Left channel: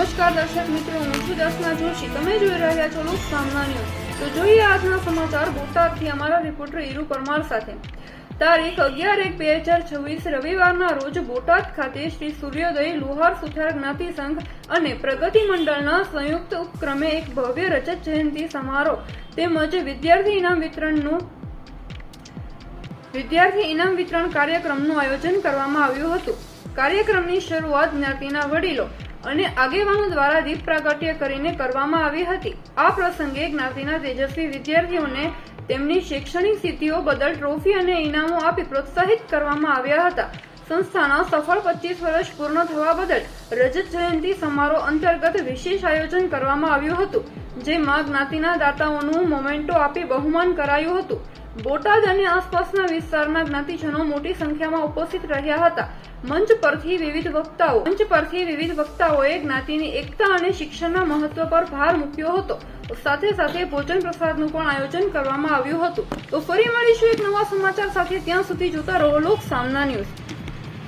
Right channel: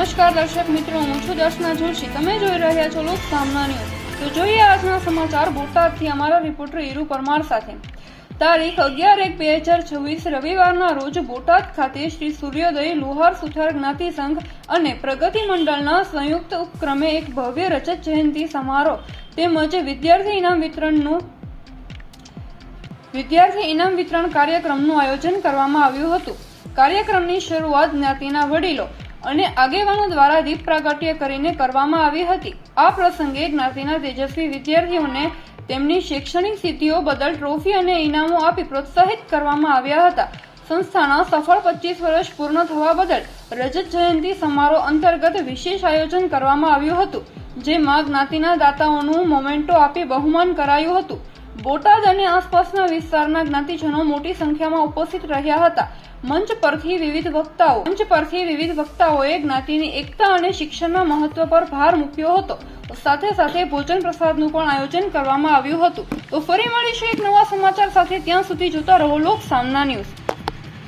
નમસ્કાર, દર્શક મિત્રો, હું છું દર્શના જોશી. તમે જોઈ રહ્યા છો લોક સામના તો જોઈએ આજના સમાચાર બોટાદથી અમારા રિપોર્ટર ઈરુ પરમાર સાથે. તારીખ અગિયાર એક બે હજાર છવ્વીસ, રવિવારના રોજ બોટાદ ખાતે શ્રી સૂર્યોદય લુહાર સુથાર જ્ઞાતિ સંઘ અને પ્રગતિ મંડળના સંયુક્ત ઉપક્રમે એક ભવ્ય રજત જયંતિ સમારોહ તેમજ વિદ્યાર્થી ઇનામ વિતરણનું વિદ્યાર્થી ઇનામ વિતરણ કાર્યક્રમનું આયોજન કરવામાં આવ્યું હતું. કાર્યક્રમની શરૂઆત જ્ઞાતિના વડીલો અને આગેવાનો દ્વારા દીપ પ્રાગટ્ય કરીને કરવામાં આવી હતી. આ પ્રસંગે જ્ઞાતિના તેજસ્વી વિદ્યાર્થીઓને તેમની શૈક્ષણિક સિદ્ધિઓ બદલ ટ્રોફી અને ઇનામો આપી પ્રોત્સાહિત કરવામાં આવ્યા હતા. સંસ્થાના સફળ પચીસ વર્ષ પૂર્ણ થવા બદલ રજત જયંતિ સમારોહ અંતર્ગત વિશેષ આયોજન કરવામાં આવ્યું હતું, જેમાં જ્ઞાતિના દાતાઓનું મોમેન્ટો આપી બહુમાન કરાયું હતું. બોટાદ અને આસપાસના વિસ્તારના જ્ઞાતિજનો મોટી સંખ્યામાં ઉપસ્થિત રહ્યા હતા. મંચ પરથી વિવિધ વક્તાઓ, મંચ પરથી વિવિધ વક્તાઓએ જ્ઞાતિની એકતા અને શિક્ષણના મહત્વ પર ભાર મૂક્યો હતો. સાથે સાથે ભોજન પ્રસાદનું પણ આયોજન કરવામાં આવ્યું હતું. તો ફરી મળીશું એક નવા સમાચાર સાથે. ત્યાં સુધી જોતા રહો લોક સામના ન્યૂઝ.